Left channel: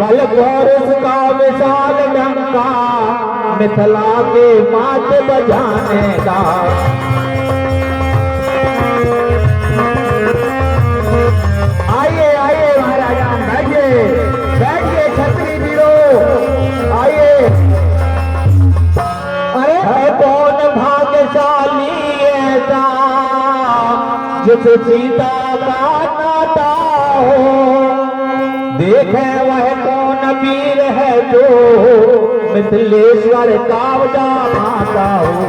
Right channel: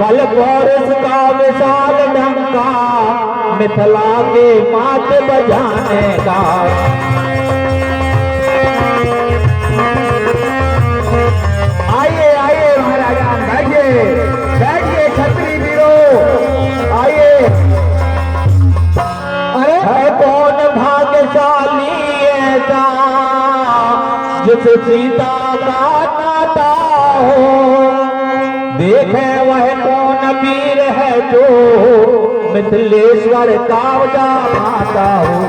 बल पौरुष का विशाल डंका, मिथिला के मात बजाने का। आइए आइए महाराजा, बैठिए बैठिए छत्री वीरों, आइए। अरे है कौन भाग्यशाली ऐसा जिसे सीता का नाता हो, देखे वह कौन वीर है जो मिथिलेश्वर का माता हो।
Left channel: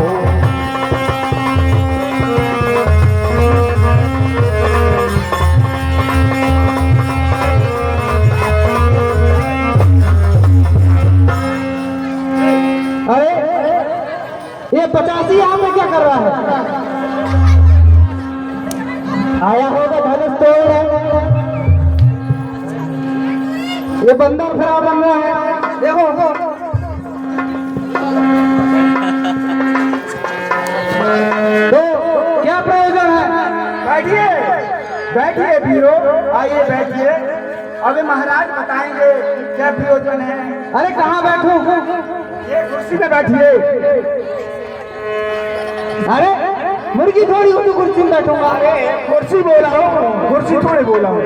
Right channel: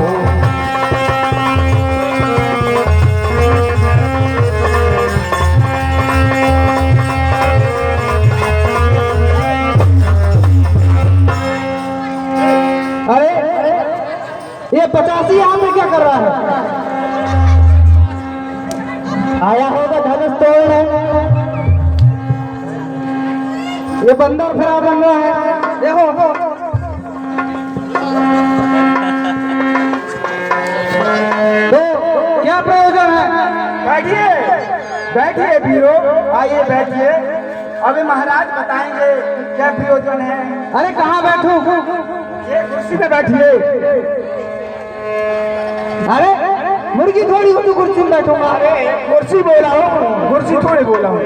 अरे ये 85 यहाँ पे क्या कर रहा है? आया होगा धनुष तोड़ने। ये बंदर खराब बन रहा है, देखो। तो क्या प्रयोजन है? बैठिए बैठिए वीरों, आइए बैठिए। अभी महाराज बताएंगे क्या प्रयोजन है। अरे कहाँ बैठूं? ये कुर्सी पे बैठिए। अरे मुर्गी थोड़ी हो तो कुर्सी में बैठूंगा। अरे कुर्सी बोला हूँ, कुर्सी थोड़ी बोला हूँ।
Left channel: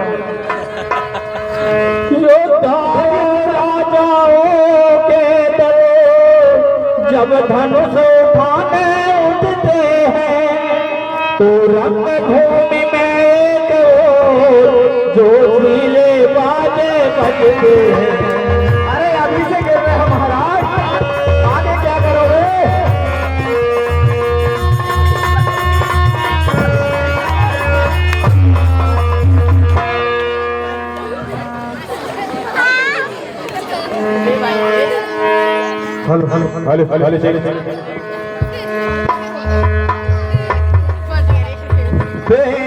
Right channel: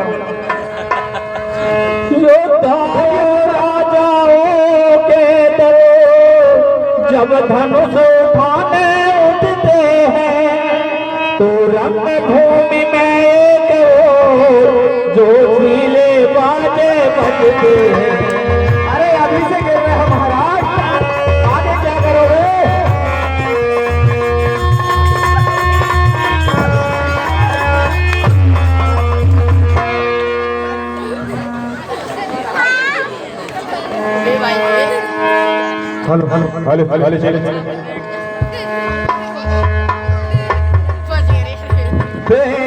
राजाओं के दरो जब धनुष उठाने उठते हैं, तो रंग भूमि में जो सीले बाजे बजते हैं। अरे अभी से गिर रहे हैं महाराज, आगे क्या करोगे? हेलो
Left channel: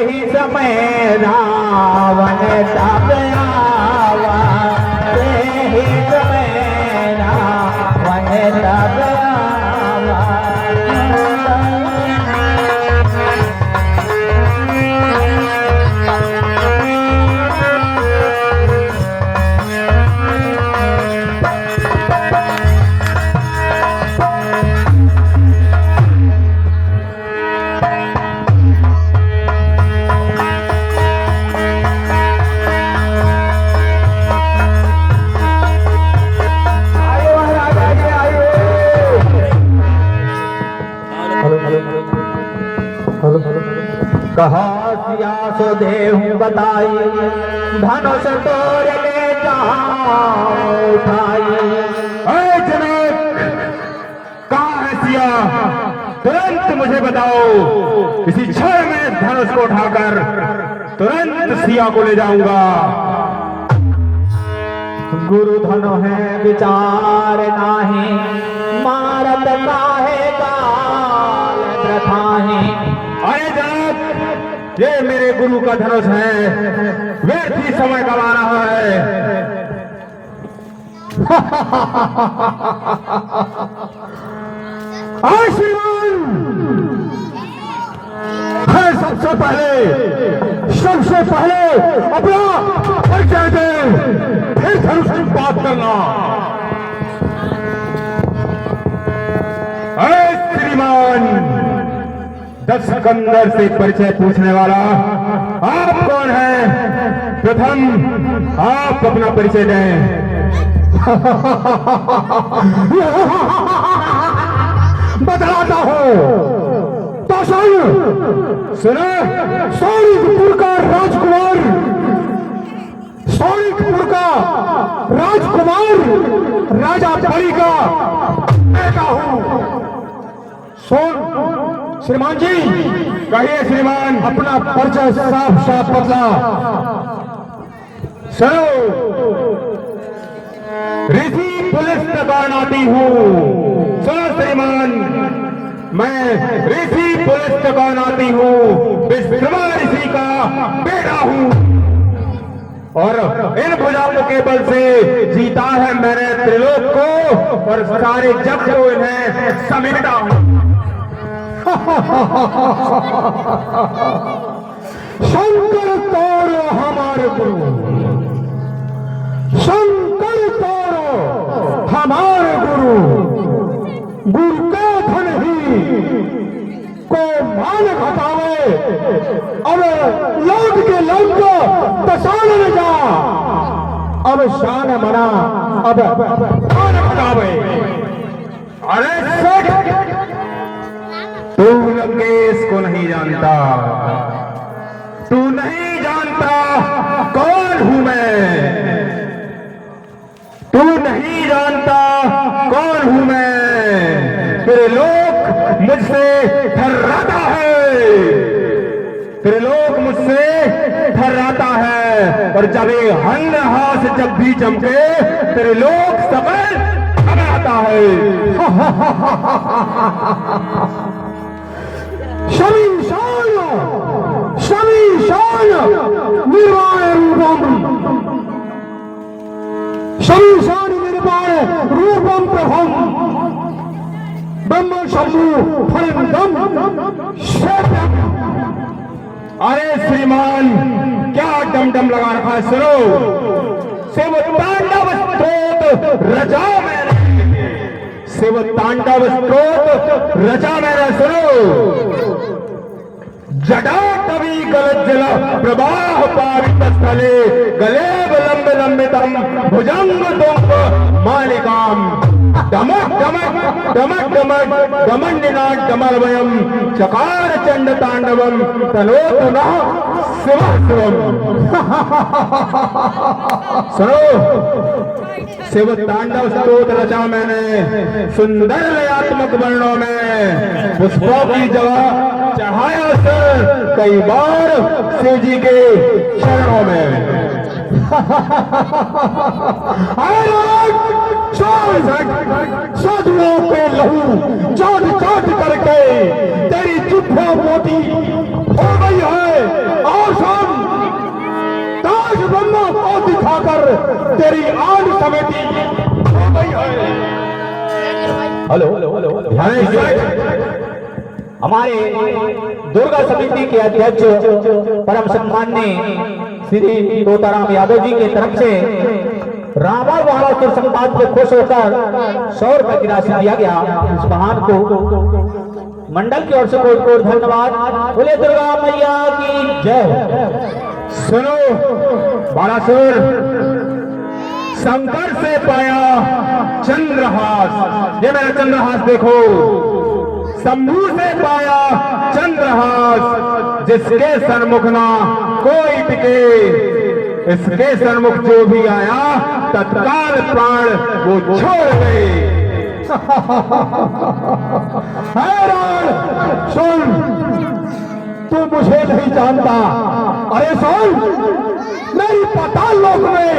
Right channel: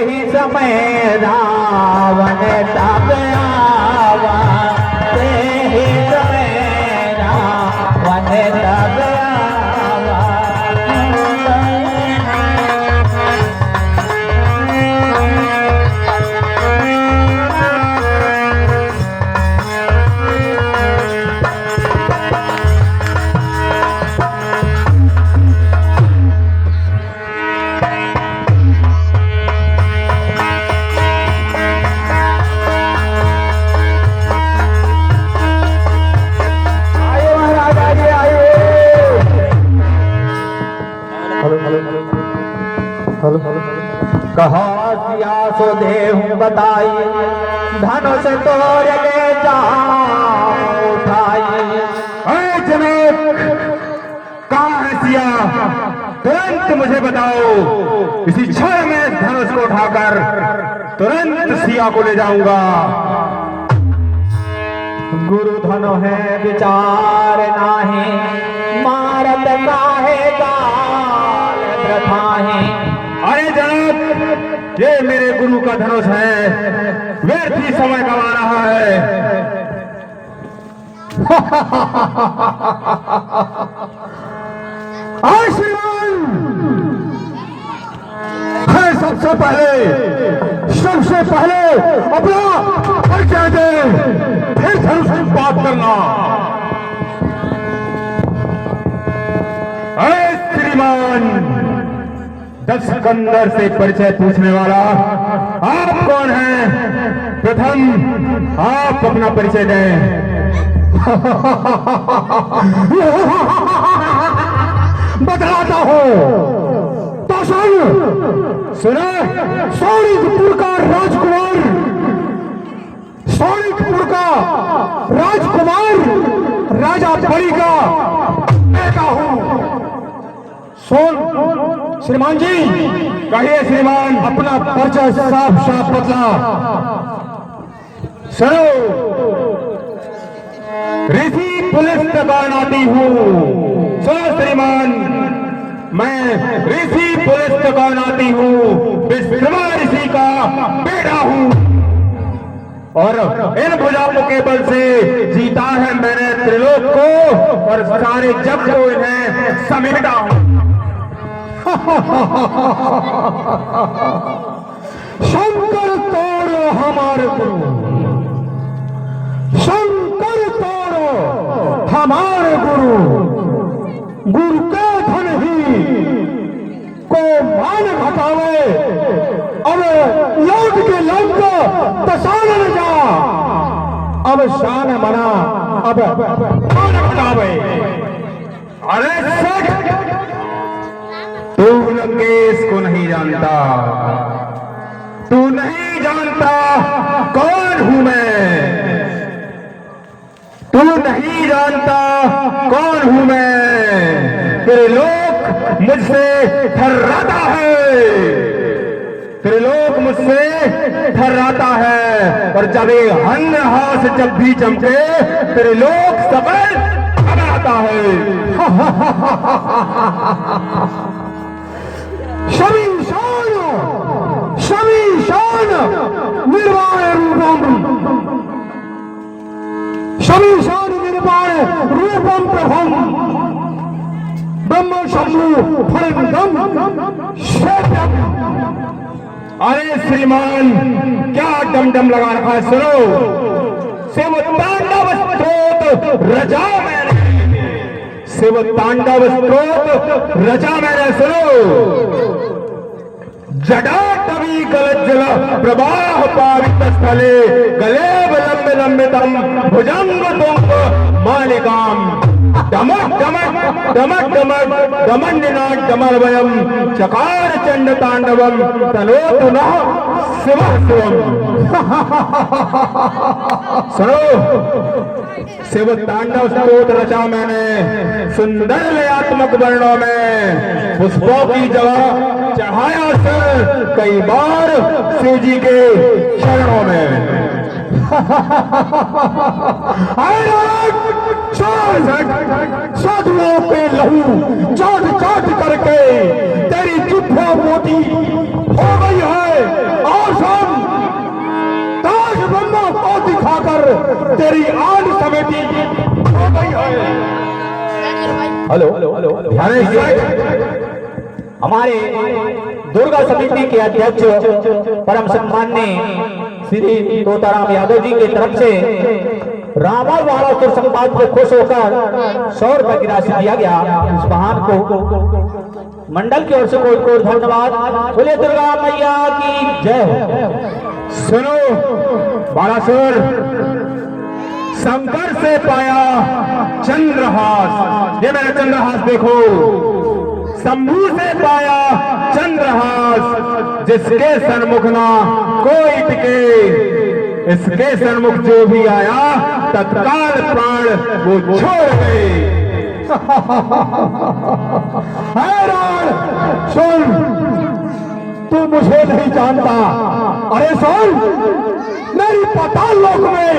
ही समय रावण तब आवा, ही समय रावण तब आवा। कहा सिया सो देहूं बताई, धनुष तोड़ ले जाऊं उठाई। अरे जनक, कहाँ है सिया? तुरंत मुझे बताओ, इसी क्षण में धनुष को उठाकर तुरंत सिया को ले जाऊंगा। गुरु धनु है विचार नाही, मारत काहे गाल प्रथाहि। अरे जनक, ये मेरे गुरु का धनुष है, व्यर्थ ही समय गवा रहा है। सबसे पहले अपना परिचय दे, फिर धनुष की बात करना। श्रीमान दक्षकंदर से परिचय पूछने वाला आप कौन हैं? प्रथम आप अपना परिचय दें। बतलाता हूं तो सही सुनो। सौरिकपुर का राजकुमार, सौरिकपुर का राजकुमार राजा परी का बेटा हूं। सुन श्रीमान जी, कहिए श्रीमान, अपना परिचय साफ साफ बतला। सुनो, ऋषि पुलिस तकानाती हूँ। सुनो श्रीमान, मैं ऋषि पुलिस तकानाती हूँ, विश्वकर्मा ऋषि का बेटा हूँ, और इन भुजाओं के बल से जीता है मैंने त्रिलोक को, और सारे जग को इन्हें समेटा हूँ। शंकर तोड़ हमारे गुरु, शंकर शान मना अब कौन बतावे। अरे सेठ, तू लंकेश को नहीं जानता, तू नहीं जानता कौन हूं मैं, तू नहीं जानता कौन हूं मैं। तेरे लोग मुझसे थर्राता है, तेरे लोग मुझसे थर्राता है। और जब ये हन्न हाथ जब भी चमके तेरे लोग सबल घबराता है। शमीशान शमीशान निर्वाण रूपम, शमीशान निर्वाण रूपम प्रभम ब्रह्म शंभु फलम श्वेतम। अरे श्रीमान, क्या डमडम लगा रखा है, सुनो। शिव तांडव स्त्रोत रचा मैंने, शिव तांडव स्त्रोत रचा मैंने, सुनो। जडा तभी गलज्जल प्रवाह पावित स्थले गलेब लंबे लंबितम भुजंग तुंग मालिकाम दमक दमक दमक दमक दमंडिनाट दमर्वयम चकार चंड तांडवम तनोतु नः शिव शिवम। सुनो, शिव तांडव स्तोत्र रचा मैंने सुंदर लयात्मक वर्णों में, पुष्पों की जगह चढ़ाया सर कई बार शिव जी के चरणों में। साधुओं पे लहू चाट चाट करके तेरी जिह्वा मोटी हो गई है, और सुन, ताज ब्रह्मा को दिखाकर तेरी आन समेटी हो गई है। हेलो हमारे दुर्गा समिति के अध्यक्ष परम सम्माननीय श्री तोताराम यादव जी की तरफ से रावण वाला संपाद पे खुश होकर 100 रुपए की राशि दिया गया। उस महान को मंडल की ओर से कोट कोट धन्यवाद। बोले दुर्गा मैया की जय हो। सुनो बालासुर, शंकर से पाया चंद्रहास, ये मेरा चंद्रहास देखो। शंभू से पाया चंद्रहास, जिसके सन्मुख ना कोई टिके, इसके सन्मुख जो भी आया तत्काल प्राण वो छोड़ गए। हैरान सुन, तू मुझे नहीं जानता। अरे सुन, मेरी पाताल लोक में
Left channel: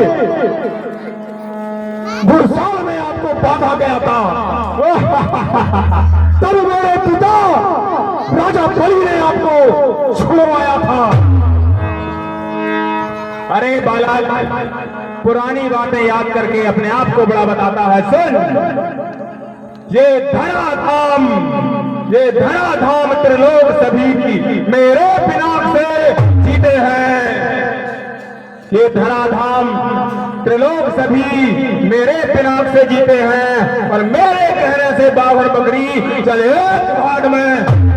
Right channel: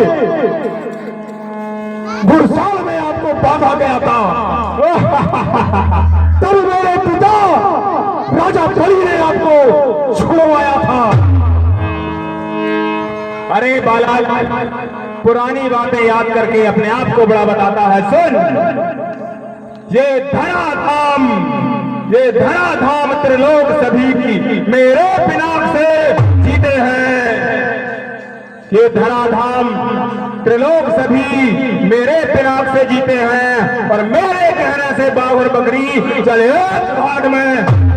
गुरसाल में आपको बांधा गया था। तब मेरे पिता राजा बलि ने आपको छुड़वाया था। अरे बाला, पुरानी बातें याद करके अपने आप को बड़ा बताता है। सुन, ये धराधाम, ये धराधाम त्रिलोक सभी की मेरे पिनाक से जीते हैं। ये धराधाम त्रिलोक सभी मेरे पिनाक से जीते हैं, और मेरे कहने से बाबर बकरी चले घाट में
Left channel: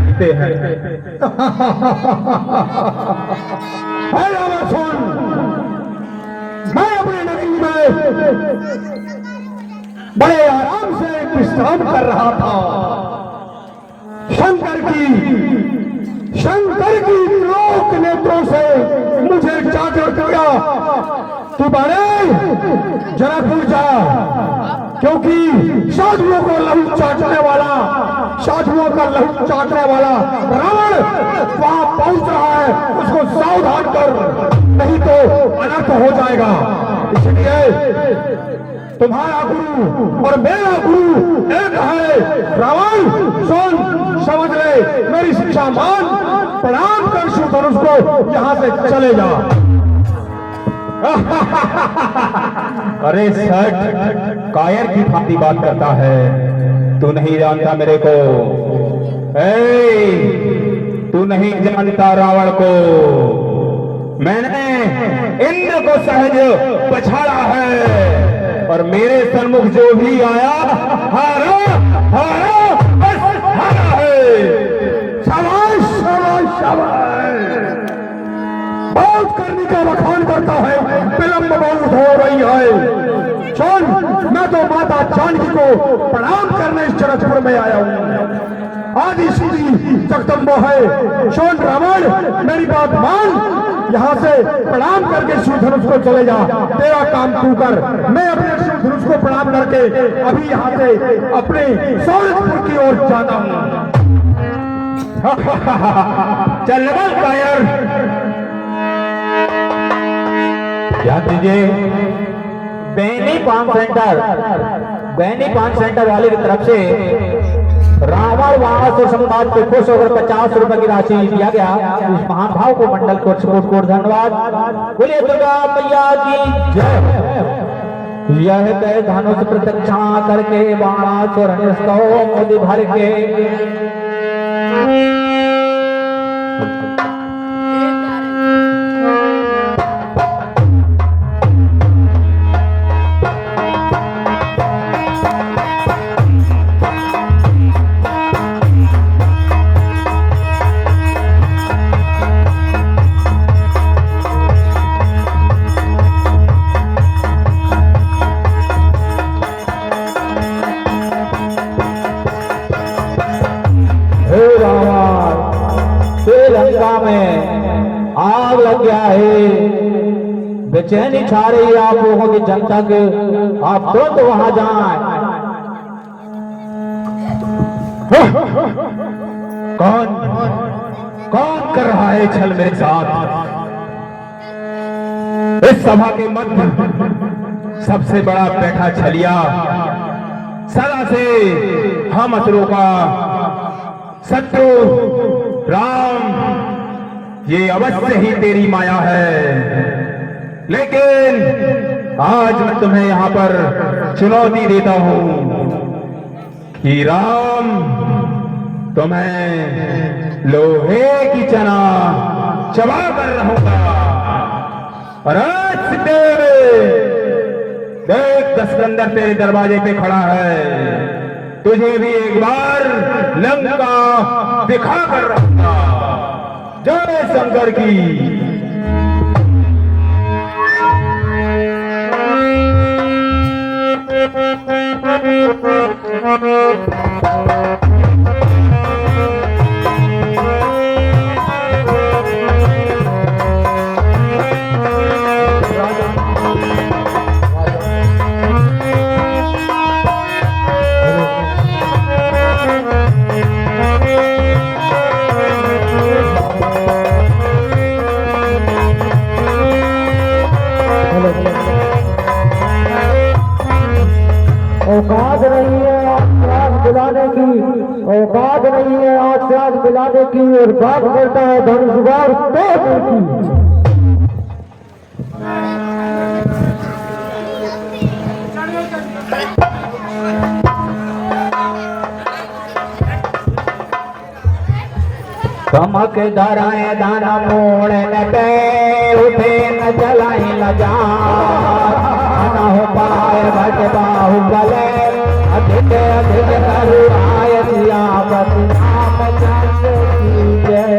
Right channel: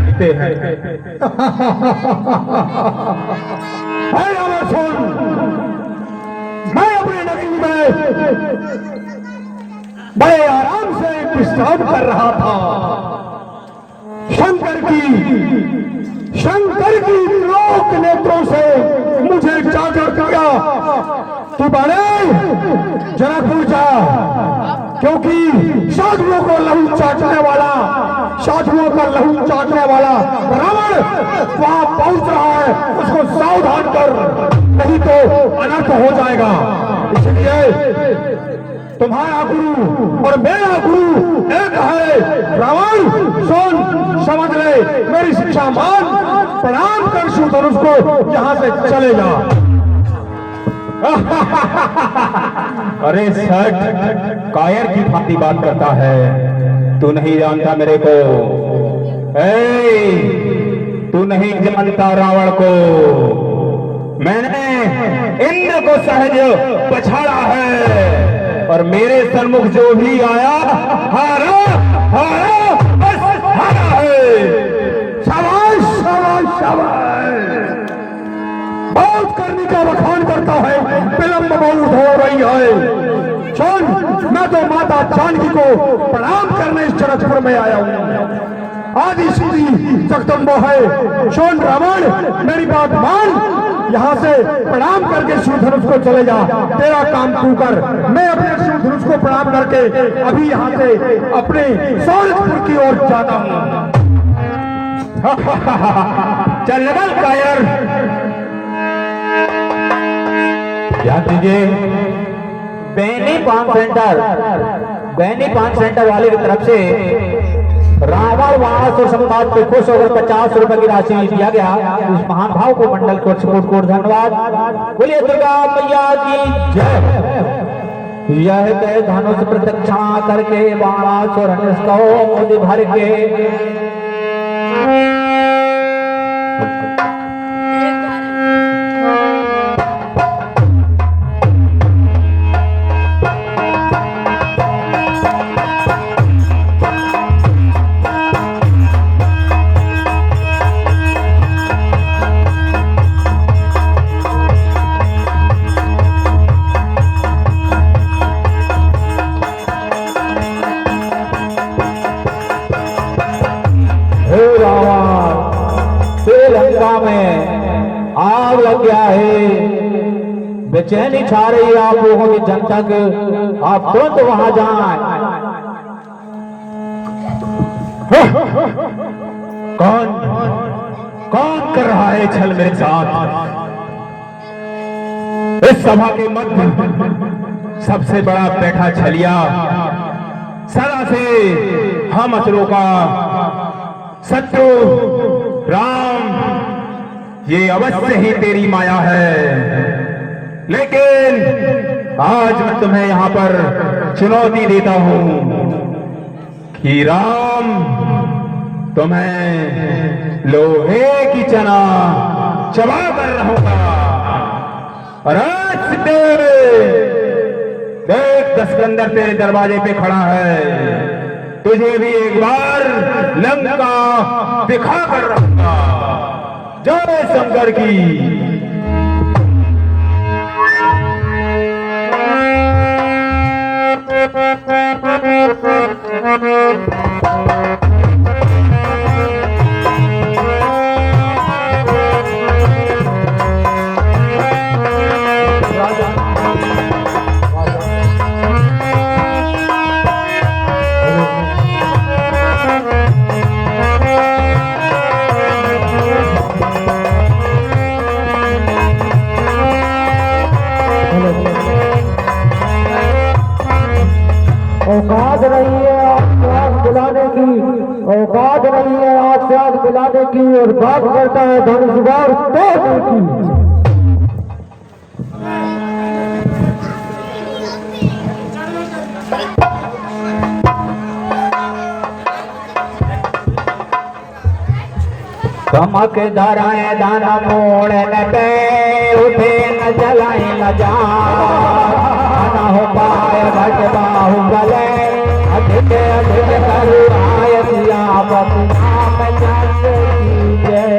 जीते हैं। सुन, मैं अपने नगरी में बड़े आराम से विश्राम कर रहा था। शंकर की लोक नेत्रों से मुझे चाकर किया। तू बड़े जनकपुर जा, क्योंकि साधुओं को लहू चाटने वाला, साधुओं का लहू चाटने वाला रावण वहां पहुंच रहा है। उसको सावधान कर, नहीं तो अनर्थ हो जाएगा। इसलिए तुम्हारा गुरु और मेरा गुरु एक है। रावण सुन, समझ ले, मेरी शिक्षा मान, प्रणाम कर सुधनुष को, यहाँ से चले जा। अरे सट, कायर की भांति बात करता है। तू नहीं जानता मेरे को, तू नहीं जानता रावण को। मैंने इंद्र को सहज पछाड़ा है, और मेरे सन्मुख जो भी आया हारा हारा बस हारा है। शाबाश शाबाश शाबाश, बहुत करने का बखान करता है, विलंब बहुत हो रही है। सुन, मैं तो माता जानकी को प्रणाम करने इस जनकपुर में आया हूँ। आदि सीधी जगदम्बो है। सुन रावण, मेरी बात मान, यहाँ से प्रणाम करके शिवधनुष को चले जा। तेरा काम तू कर, मैं अपने शिवधनुष को प्रणाम करके अभी यहाँ से अपने सौरभपुर की ओर जाता हूँ। चल लगन कायर। क्या कीजिए, बैनी पान सेंटर वाले की तरफ से रावण वाणासुर संवाद पे खुश होकर 50 रुपए की राशि दिया गया। इस महान भाव को मंडल को कोट धन्यवाद। बोलिए दुर्गा मैया की जय। यह तय धनुष प्रत्यक्षा करके वाणासुर को मोदी भर के आग लग गया है, बेचैनी छा रही है आप लोगों की जनता के। आप तुरंत वहां जाएं। कौन कौन कर रहा है छल मेरे साथ? इस सभा के मध्य सबसे बड़ा बैठा छलिया, सदा से हम असुरों का शत्रु राम, ये अवश्य ही तेरी माया है। लेकिन आज मैं तुम्हें यहाँ पर चुनौती देता हूं कि राम तुम्हें लोहे की चना चबा कर रहूंगा। और आज देख दशकंदर तेरे दरवाजे पे खड़ा है, तुझे भी एक बार लंका दिखा कर रहूंगा। जय शंकर की। औकात नहीं है आग दिलाने की, औकात नहीं है आग दिलाने की, और बात करता है धनुषवार तोड़ने की। कमक धराए दाना मोड़ न पे उठे न जलाए न जा हो पाए भट बाहु गले अधिक अधिक करुणाय सियापति रामचंद्र की जय।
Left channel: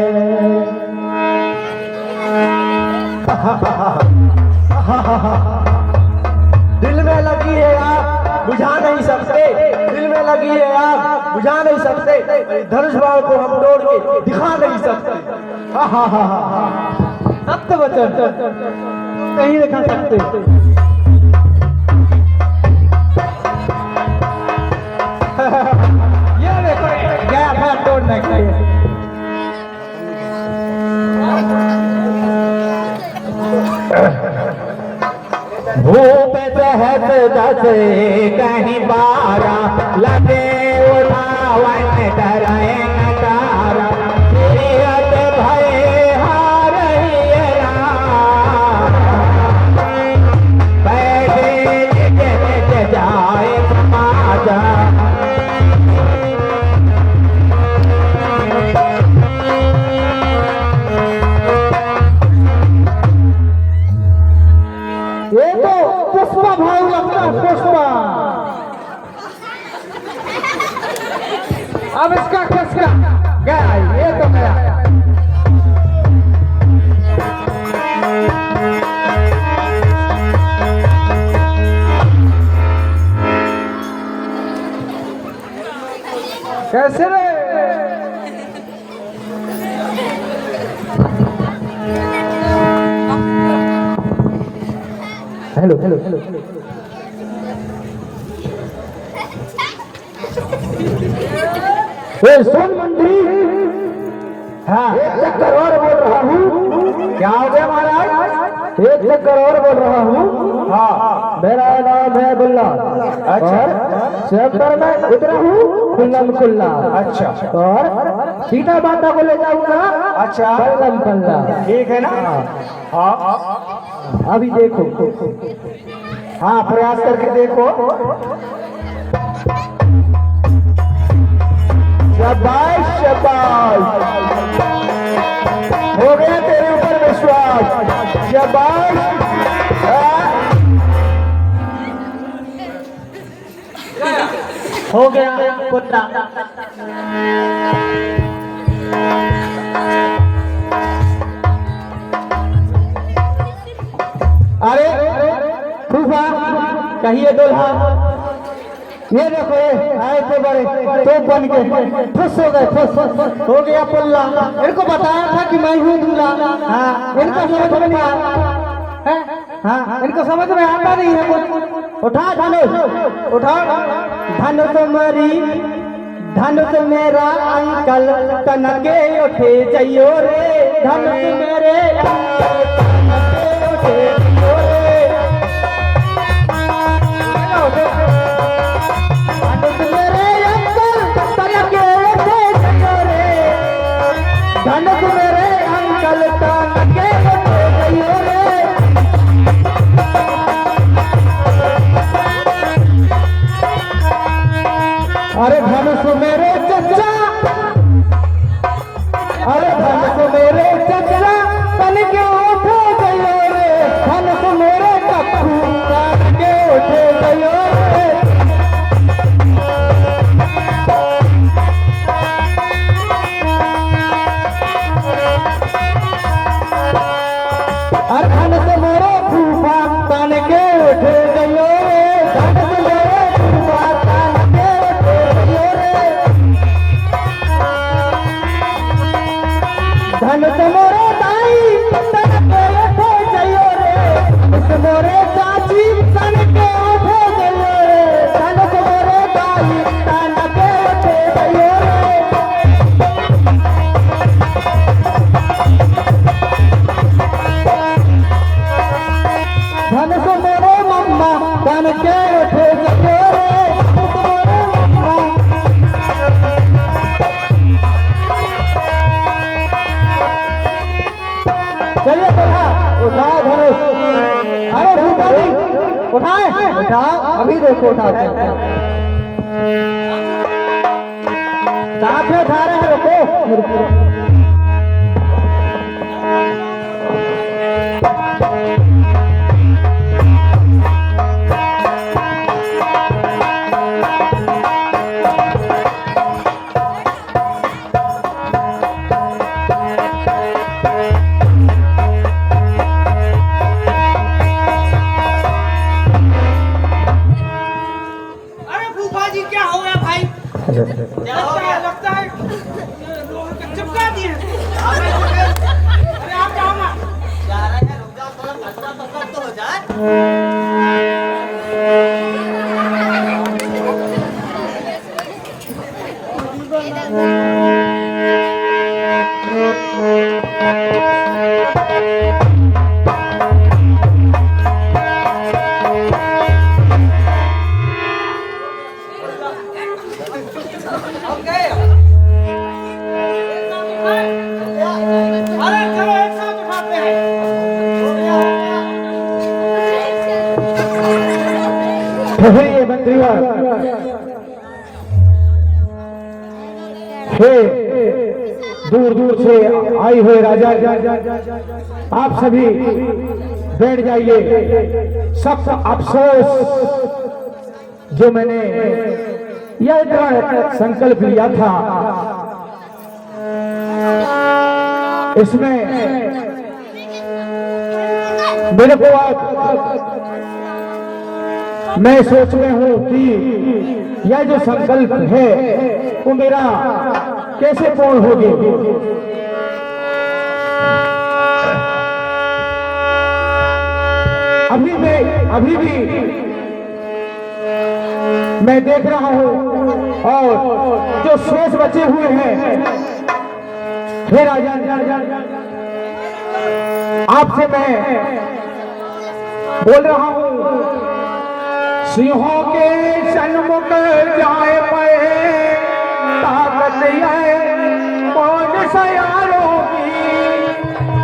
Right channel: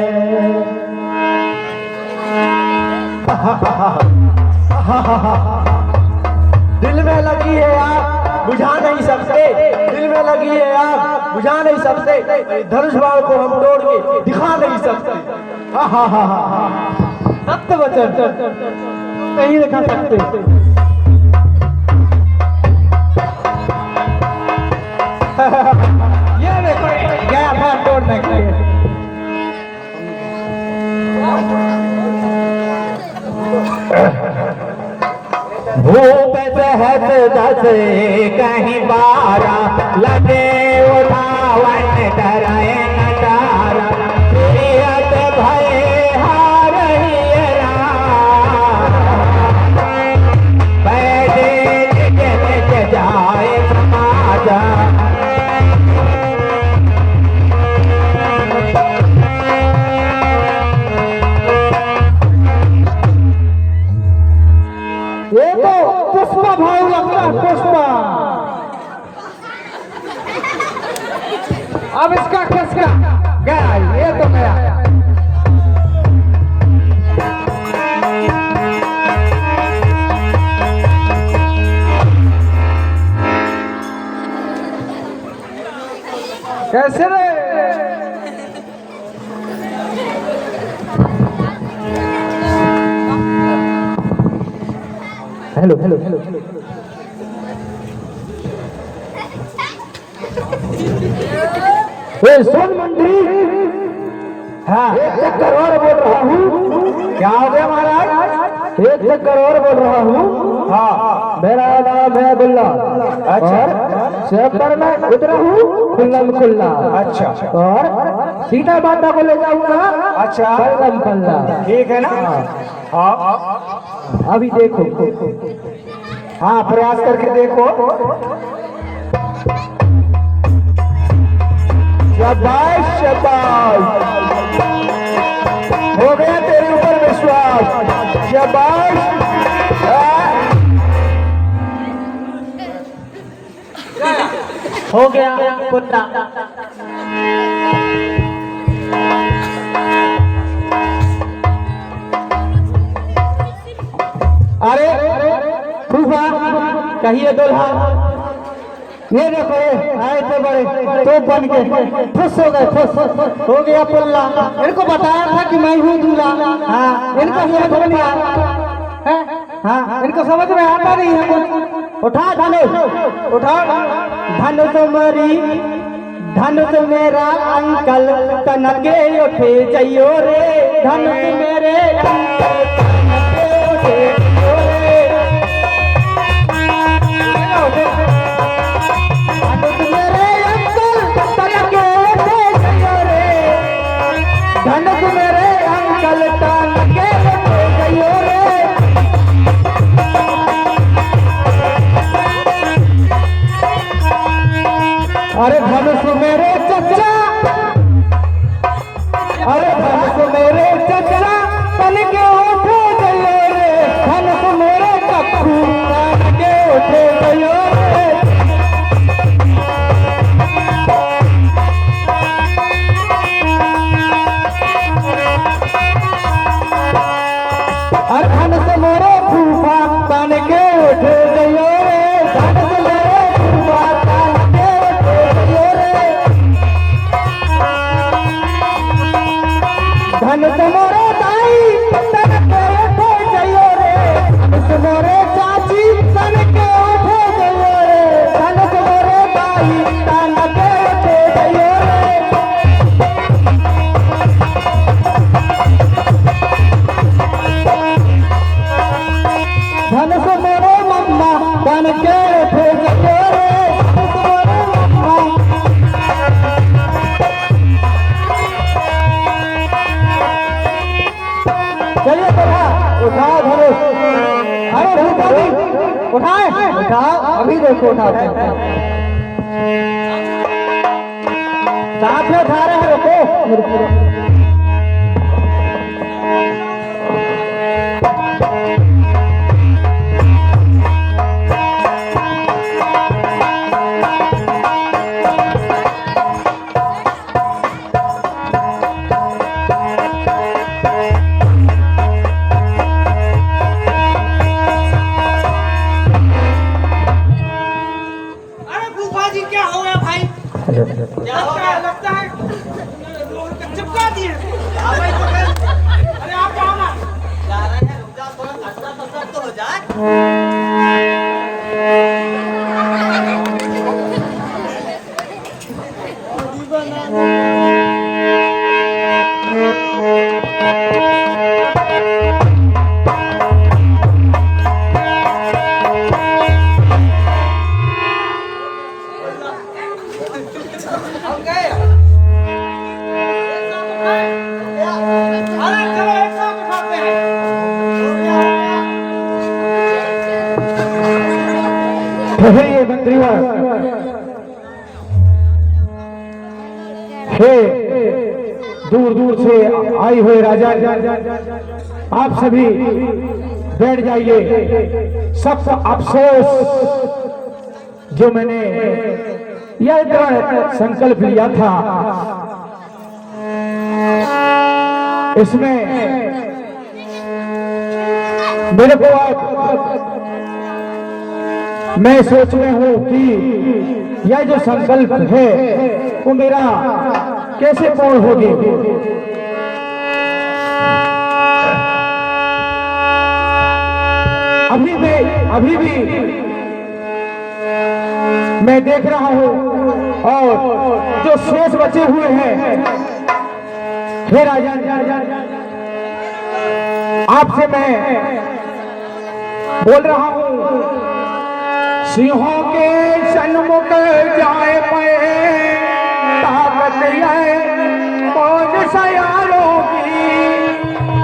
दिल में लगी है आग बुझा नहीं सकते, दिल में लगी है आग बुझा नहीं सकते, धनुष बाण को हम तोड़ के दिखा नहीं सकते। सत्य वचन नहीं दिखा सकते। ये देखो क्या था तोड़ने के लिए। भूप सहज दस कहीं 12 लगे उठावन डराए नटारा प्रियत भय हार बैठे जाए समाजा। ये तो पुष्पा भाव लगता है, पुष्पा। अब इसका किसका गया? ये तो मेरा। कैसे रे? हेलो हेलो हेलो सोन मंत्री। हाँ, 1 चक्कर और बोल रहा हूँ। क्या हो गया महाराज? 1 चक्कर और बोल रहा हूँ। हाँ, मेरा नाम है बुल्ला। अच्छा, शहर में उतरा हूँ खुल्लम खुल्ला। अच्छा, और सीधा बाटा को ले जाऊंगा। अच्छा, पल्लम पल्ला। ठीक है ना? हाँ, अभी देखो। हाँ, प्रयास करके देखो। शाबाश शाबाश, हो गया तेरे ऊपर विश्वास। शाबाश। हो गया पुत्र। अरे फूफा कहिए दुल्हा, ये देखो आए थे बड़े तो बन के खुश हो गए। खुश हो गया पुल्ला। इनको बताया था कि मैं हूँ दूल्हा। हाँ, इनको समझ में है। हाँ, इनको समझ में आता नहीं है कुछ। उठा धनुष, उठाओ धनुष मेरी, धनुष मेरा अंकल तनके उठे जइयो रे। धनुष मेरे अंकल तनके उठे जइयो रे। धनुष मेरे अंकल तनके उठे जइयो रे। धनुष मेरे अंकल तनके उठे जइयो रे। अरे धनुष मेरे चचा, अरे धनुष मेरे चचा तन के उठे गयो रे। धनुष मेरे कखू तन के उठे गयो रे। अरे धनुष मेरे फूफा तन के उठे गयो रे। धनुष मेरे फूफा तन के धनुष मोरे दाई तन के उठे जइयो रे। धनुष मोरे चाची तन के उठे जइयो रे। धनुष मोरे दाई तन के उठे जइयो रे। धनुष मोरे मम्मा तन के उठे जइयो रे। धनुष मोरे मम्मा। चलिए उठाओ धनुष। अरे भूपा जी उठाए, उठाओ अभी देखो उठाते साथ में उठा रहे हैं। रुको लगता है लोहा का चिपका दिए। अरे आप जाओ ना। जा रहे हैं, रुक जाओ थोड़ा, कसरत तो हो जाए। अरे चलो एक साथ उठाते हैं। ठहरिए मंत्रीवर। हे दूर दूर से आई हुए राजा, आप सभी बैठ जाइए। सख्त अफसोस जो मैंने यह दृढ़ संकल्प लिया था, इसमें मेरे को मैं सोच रहा हूं कि यह जो संकल्प है वो मेरा कैसे पूर्ण होगी। अभी भी मैं देख रहा हूं और जो शेष बचे हुए हैं, हे राजन, आपसे मैं बोल रहा हूं, सिंहों के सन्मुख जाए मैं ताकत है कौन सा यारों की,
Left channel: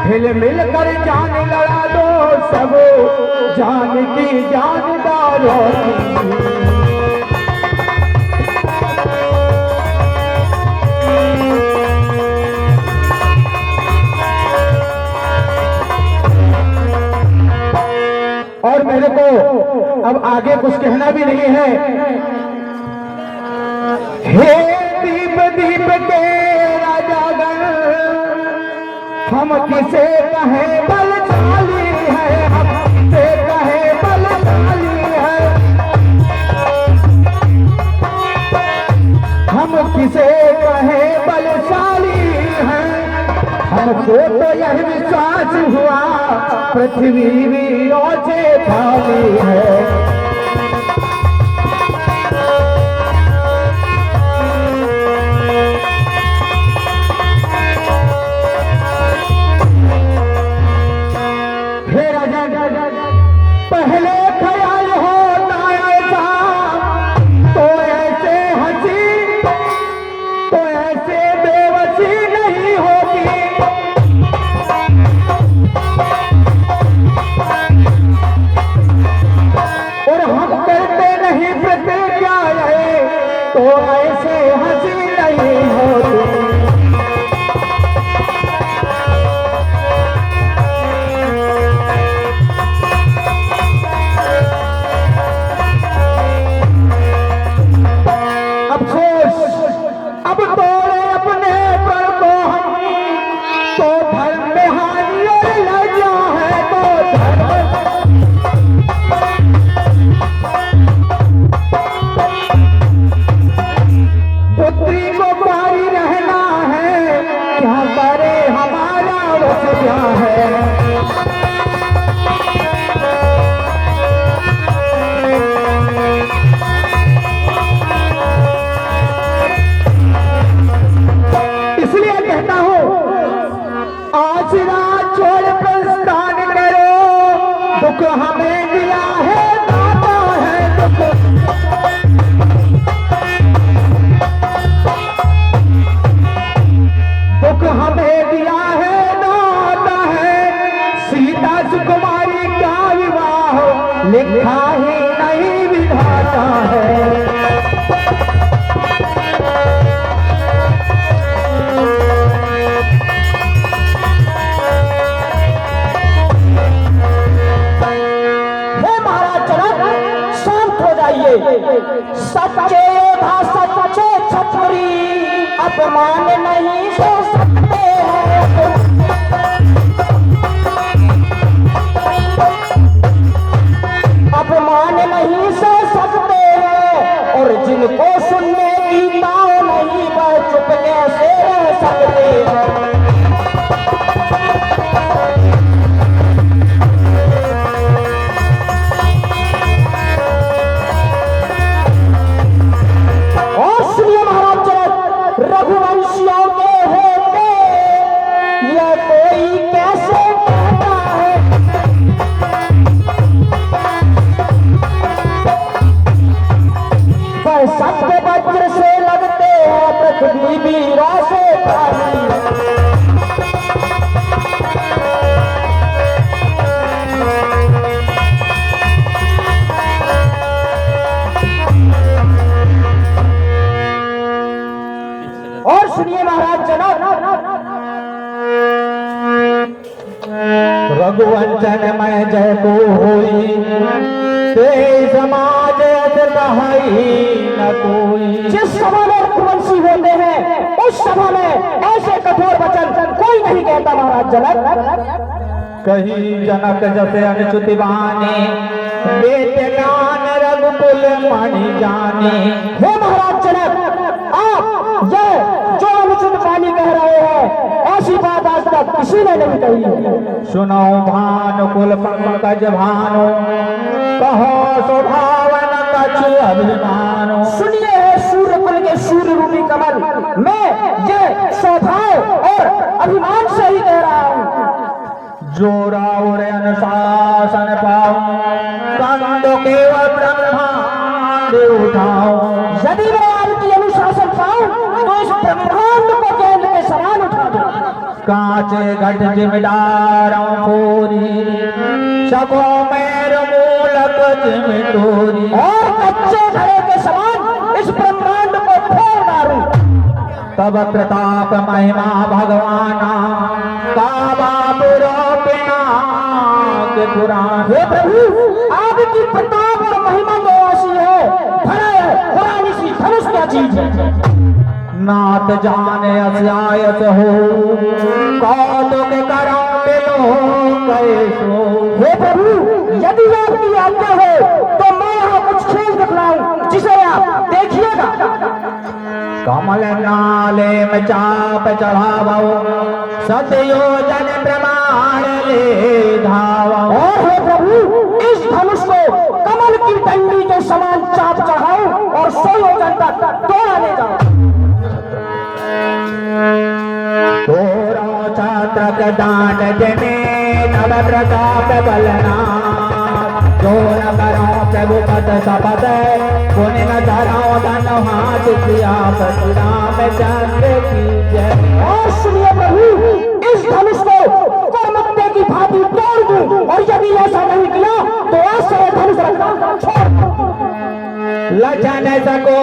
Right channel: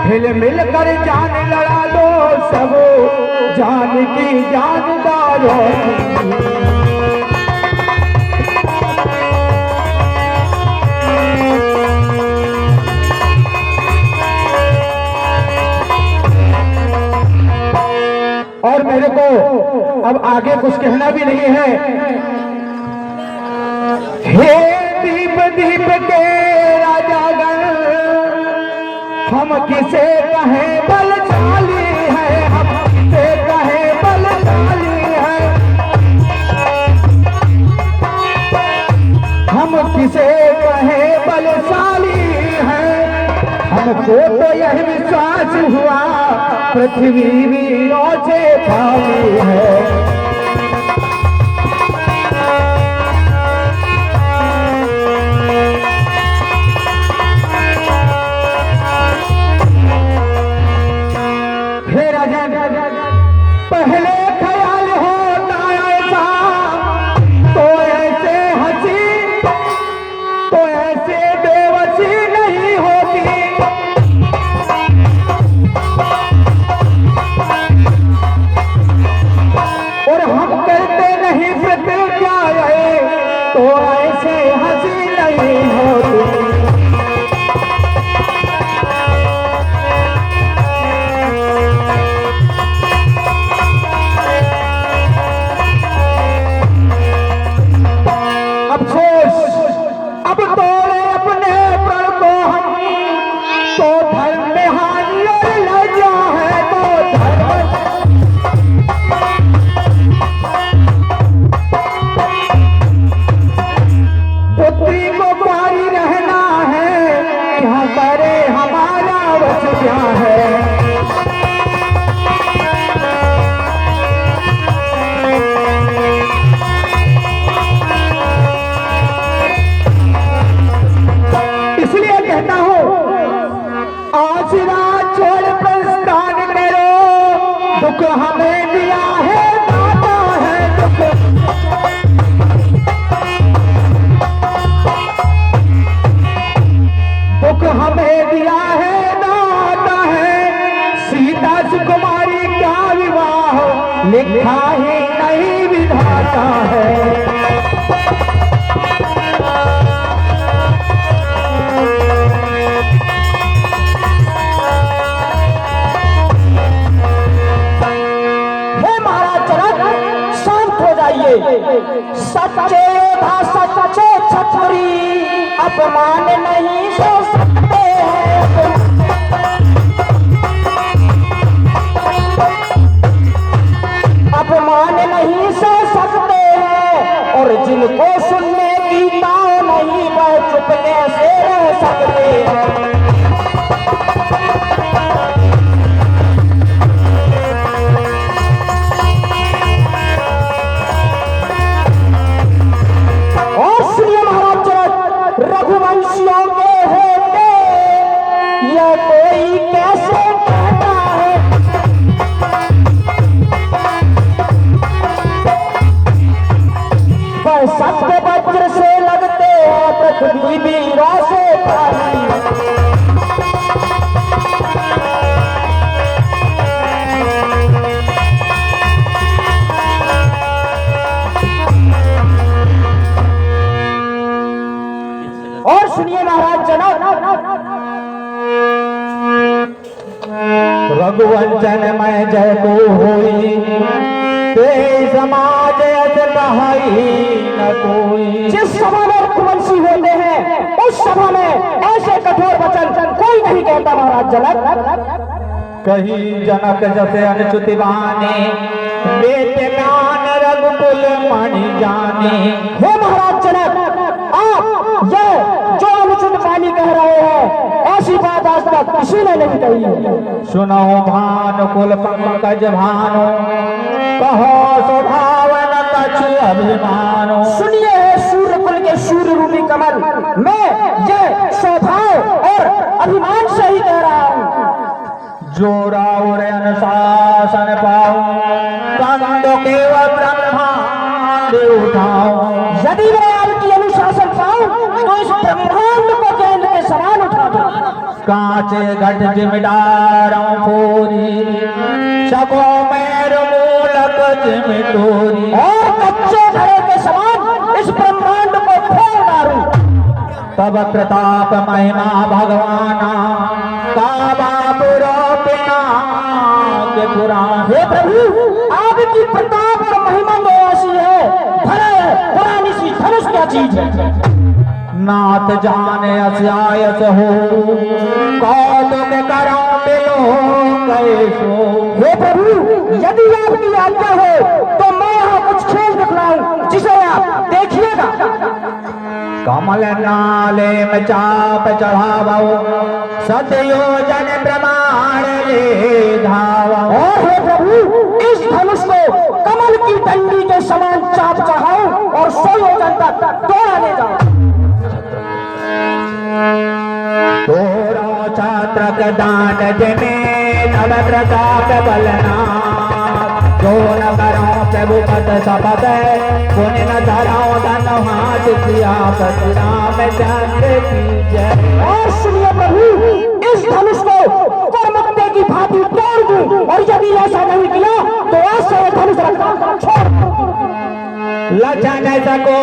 हिल मिल कर जान लड़ा दो सब जान की जानदारों की। और मेरे को अब आगे कुछ कहना भी नहीं है। हे दीप दीप के राजागण, हम किसे कहें बलशाली है, हम किसे कहें बलशाली है, हम किसे कहें बलशाली है। हमको तो यह विश्वास हुआ पृथ्वी वीरों से खाली है। हे राजा, पहले ख्याल होता ऐसा तो ऐसे हंसी तो ऐसे बेबसी नहीं होती। और हम करते नहीं प्रतिज्ञा तो ऐसे हंसी नहीं होती। अफसोस अब तोड़े अपने प्रण को हम, तो धर्म में हानि और लज्जा है, तो धर्म पुत्री को पारी रहना है, क्या करे हमारा वच क्या है। इसलिए कहता हूँ, आसरा छोड़ प्रस्थान करो, दुख हमें दिया है दाता है दुख। दुख हमें दिया है दाता है, सीता सुकुमारी का विवाह लिखा ही नहीं विधाता है। सच्चे था सच्चे छतरी, अपमान नहीं सो सकते हैं। अपमान नहीं सो सकते हैं, और जिनको सुनने की ताव नहीं वह चुपने से रह सकते हैं। रघुवंशियों के होते यह कोई कैसे कहता है, पर सत्य वज्र से लगते हैं पृथ्वी वीरों से खाली। और सुनिए महाराज जनक, रघुवंशन में जय को होई, ते समाज न कोई। जिस सभा में रघुवंशी होते हैं उस सभा में ऐसे कठोर वचन कोई नहीं कहता महाराज जनक। कहीं जनक जैसे अनुचित बाने, बेटे गान रघुकुल मणि जाने। हे महाराज जनक, आप किसी ने नहीं कही है। सुनो भानुकुल पंकज भानु, कहो स्वभावन कछु अभिमानो। सुनिए है सूर्यकुल के सूर्य रूपी कमल, मैं ये स्वभाव और अभिमान से ही कह रहा हूँ। जो राउर अनुशासन पाऊं, कंद के ब्रह्मांड उठाऊं। यदि मैं आपकी अनुशासन पाऊं तो इस ब्रह्मांड को केंद्र के समान उठा दूं। कांचे घट जिमिदारों पूरी, सको मेर मूलक जिमिटोरी। और कच्चे घड़े के समान इस ब्रह्मांड को फोड़ डालूं। तब प्रताप महिमा भगवाना, काबा पुरो बिना के पुराण। हे प्रभु, आपकी प्रताप और महिमा तो ऐसी है, भला है पुरानी सी धनुष क्या चीज है। नाथ जाने अस्यायत हो, कौतुक करो बिलो कैसो। हे प्रभु, यदि आपकी आज्ञा हो तो मैं यहाँ कुछ खेल दिखलाऊं जिसे आप देखिएगा। कमल नाले में चाप चढ़ावो, सतयोजन प्रमाण ले धावो। और हे प्रभु, इस धनुष को कमल की डंडी के समान चाप चढ़ाऊं और 100 योजन तक दौड़ा ले जाऊं। तोरो छात्र दान जने तब प्रताप बलना, जोर करो प्रभु पद शपथ, पुण्य न धराओ धन हाथ किया पति रामचंद्र की जय। और सुनिए प्रभु, इस धनुष को करमुक्ते की भांति तोड़ दूं और यदि ऐसा नहीं किया तो आज से ये धनुष रखना छोड़ दूं। लचन सको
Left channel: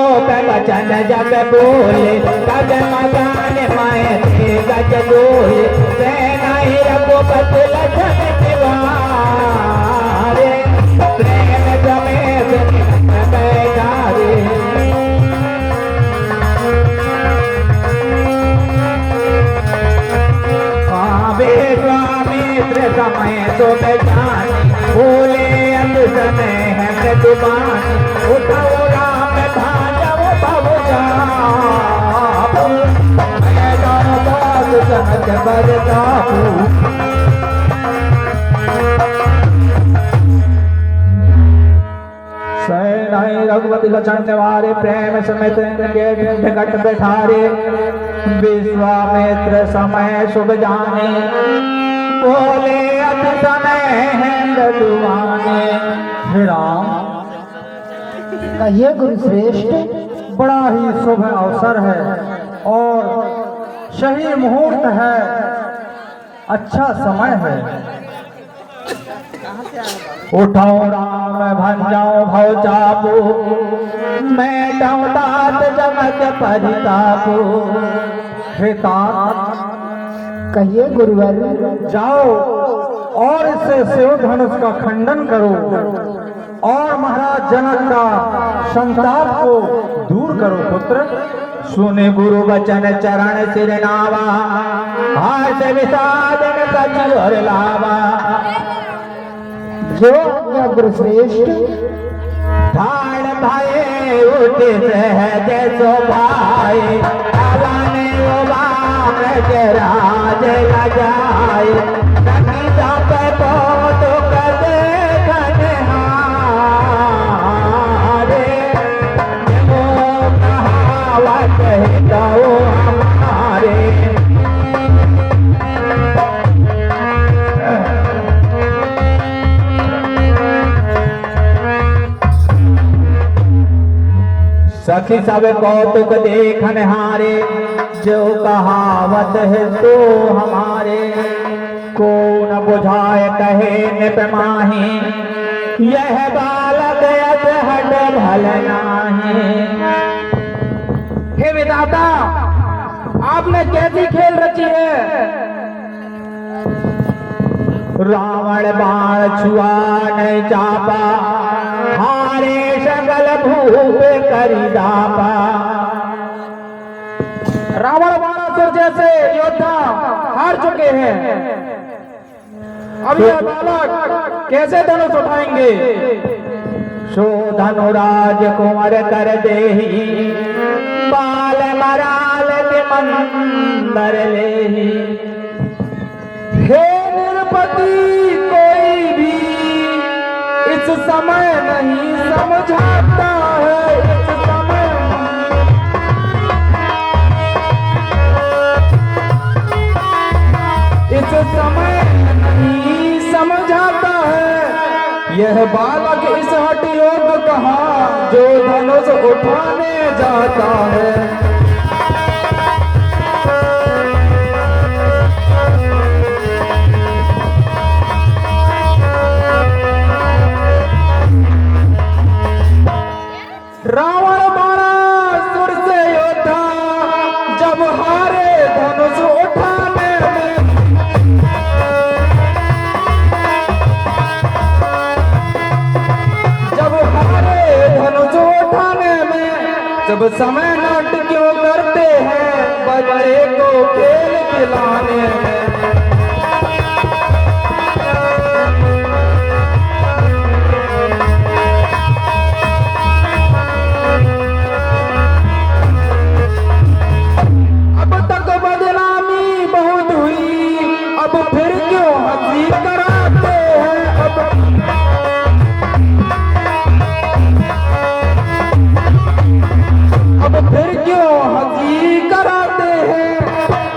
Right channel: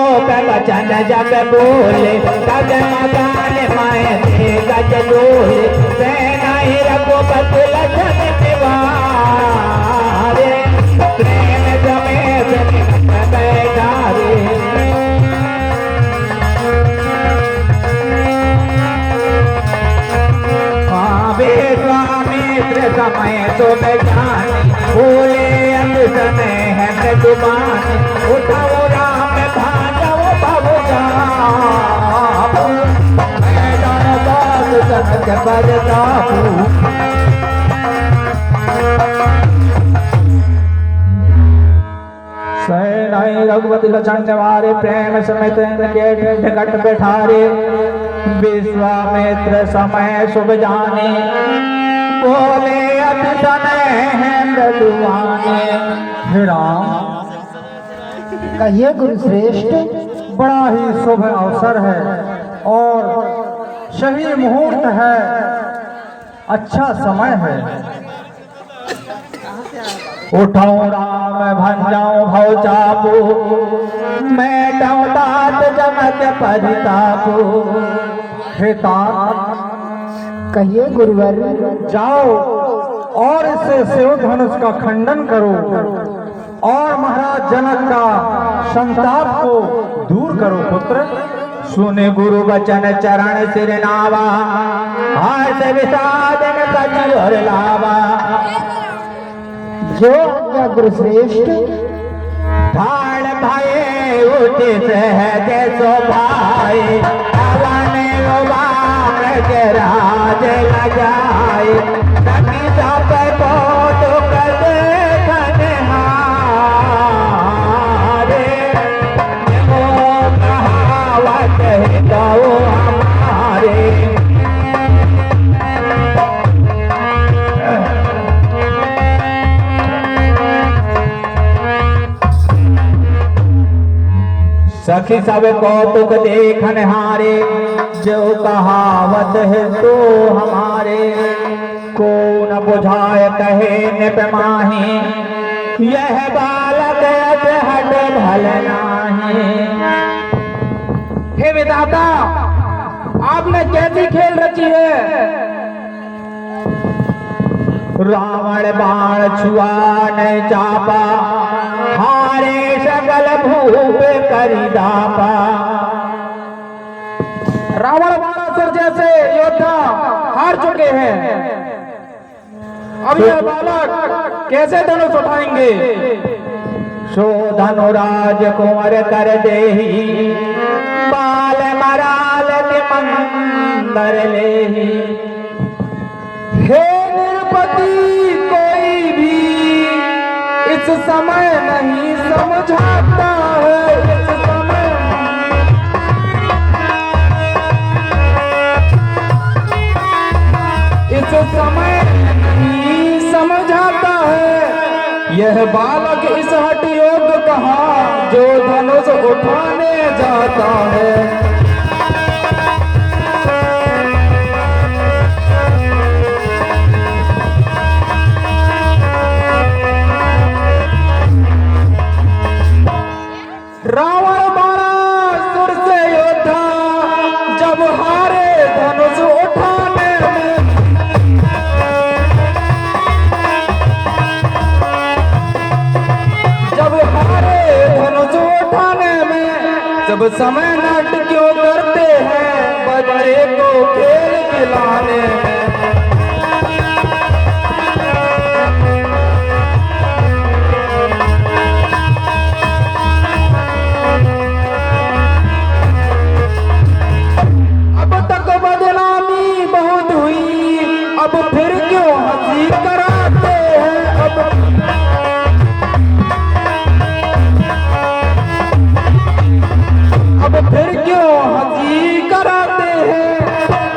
वचन जग बोले, तग मकान माए गज बोले, सेना ही रघुपति लखन तिवारे, प्रेम समेत बैठारे। विश्वामित्र समय सुख जाने, भूले अंग समय है दुबाने, उठाओ राम भागव भव जापू, मैदान बाग समझ पर जापू। सैनाई रघुपति लक्षण निवारे, प्रेम समेत के निकट बैठारे, विश्वामित्र समय शुभ जाने, बोले अति समय हैं बलुआने। मेरा कहिए गुरु श्रेष्ठ, बड़ा ही शुभ अवसर है और सही मुहूर्त है, अच्छा समय है। कहाँ से आया बाबा? उठाओ राम भंजाओ भव चापो, मैं तात जगत परितापो। हे तात, कहिए गुरुवर। जाओ और इस शिव धनुष का खंडन करो और महाराज जनक का संताप को दूर करो पुत्र। सुने गुरु वचन चरण सिर नावा, हर्ष विषाद में कछु हर लावा। जो आज्ञा गुरु श्रेष्ठ। ढाल भये उठ सहज शोभाए, पवन वाम के राज लजाए, सखी सब कौतुक देखन हारे, जो कहावत हितऊ हमारे। सखी सब कौतुक देखन हारे, जो कहावत है तो हमारे। को न बुझाए कहे निप माही, यह बालक हट भल नाही। हे विधाता, आपने कैसी खेल रची है। रावण बाण छुआ नहीं चापा, हारे सकल भूप करी दापा। रावण बाणासुर जैसे योद्धा हार चुके हैं, अब यह बालक कैसे धनुष उठाएंगे। सो धनुराज कुंवर कर देही, बाल मराल के मंदर लेही। हे निरपति कोई भी इस समय नहीं समझाता है, इस समय नहीं समझाता है। यह बालक इस हठ योग कहाँ जो धनुष उठाने जाता है। रावण बाणासुर से योद्धा जब हारे धनुष उठाने में, जब हारे धनुष उठाने में, जब समय नट क्यों करते हैं बच्चे को खेल खिलाने में।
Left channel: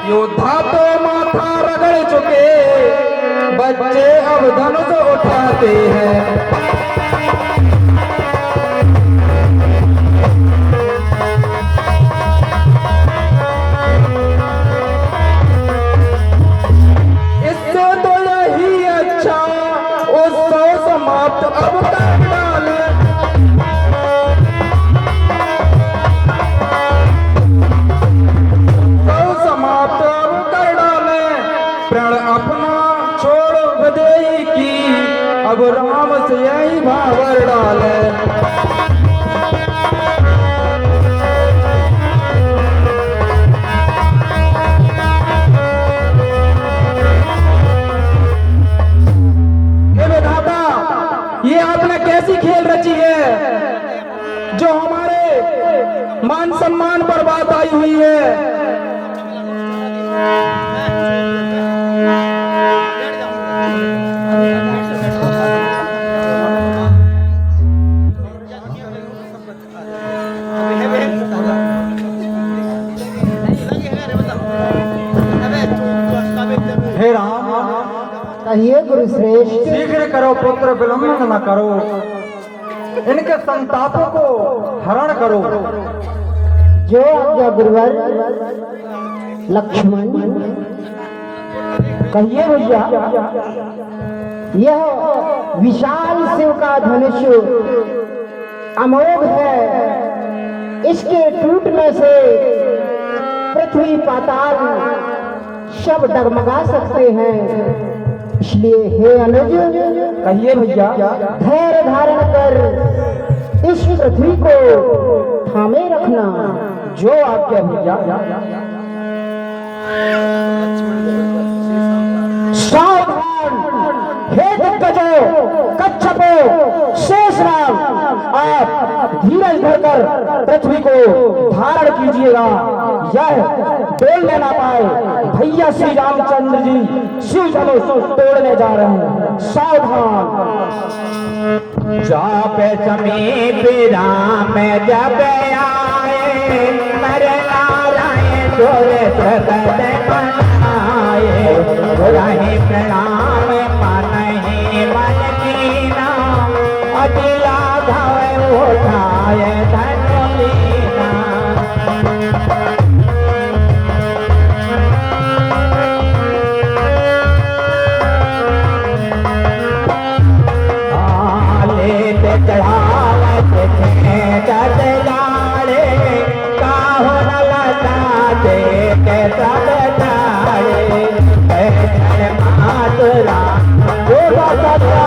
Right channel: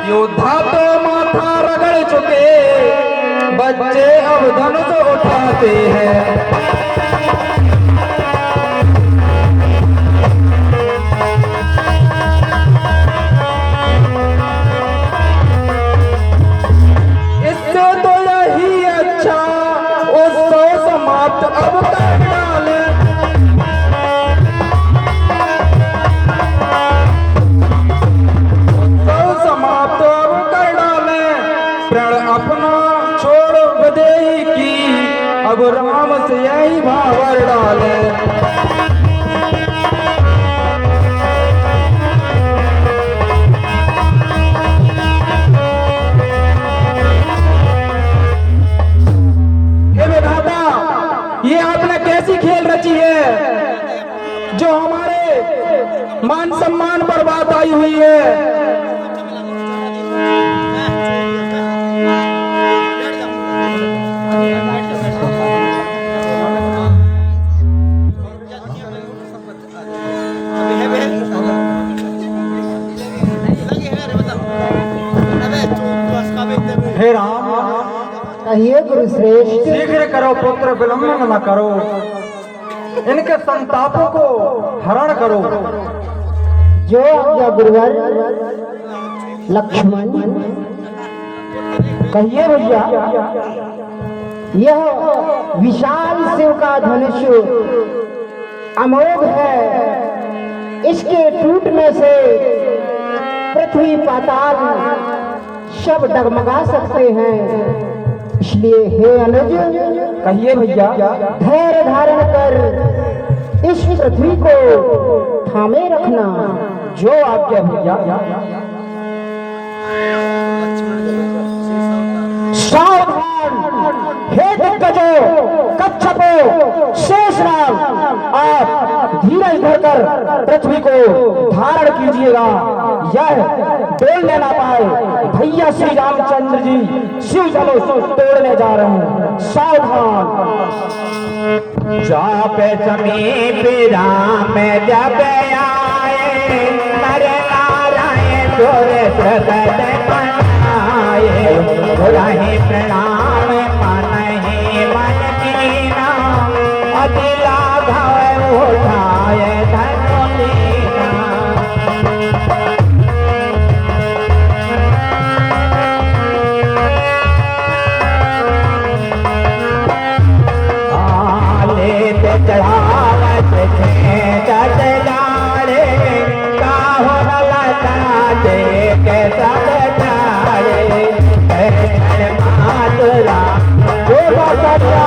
योद्धा तो माथा रगड़ चुके, बच्चे अब धनुष उठाते हैं। इससे तो यही अच्छा उत्सव समाप्त अब कर डाले। अपना छोड़ बदेई की अब राम से यही भावर डाले। हे विधाता, ये आपने कैसी खेल रची है जो हमारे मान सम्मान पर बात आई हुई है। हे राम, कहिए गुरुश्रेष्ठ। शीघ्र करो पुत्र, विलंब न करो, इनके संतापों को हरण करो। जो आज्ञा गुरुवर। लक्ष्मण, कहिए भैया। यह विशाल शिव का धनुष अमोघ है, इसके टूटने से पृथ्वी पाताल सब डगमगा सकते हैं। इसलिए हे अनुज, कहिए भैया। धैर्य धारण कर इस पृथ्वी को थामे रखना। जो आज्ञा भैया। सावधान हे दिग्गजों, कच्छपों, शेषनाग, आप धीरज धरकर पृथ्वी को धारण कीजिएगा। यह डोलने ना पाए। भैया श्री रामचंद्र जी शिव धनुष तोड़ने जा रहे हैं। सावधान। जाप समीप राम जब आए, नर नारायण जोर प्रकट बनाए। रहे प्रणाम मनहि मन कीना, अदिला भव उठाए धन लीना। चढ़ावत थे चढ़ जाड़े, काहो लता देख चढ़ जाड़े। मातरा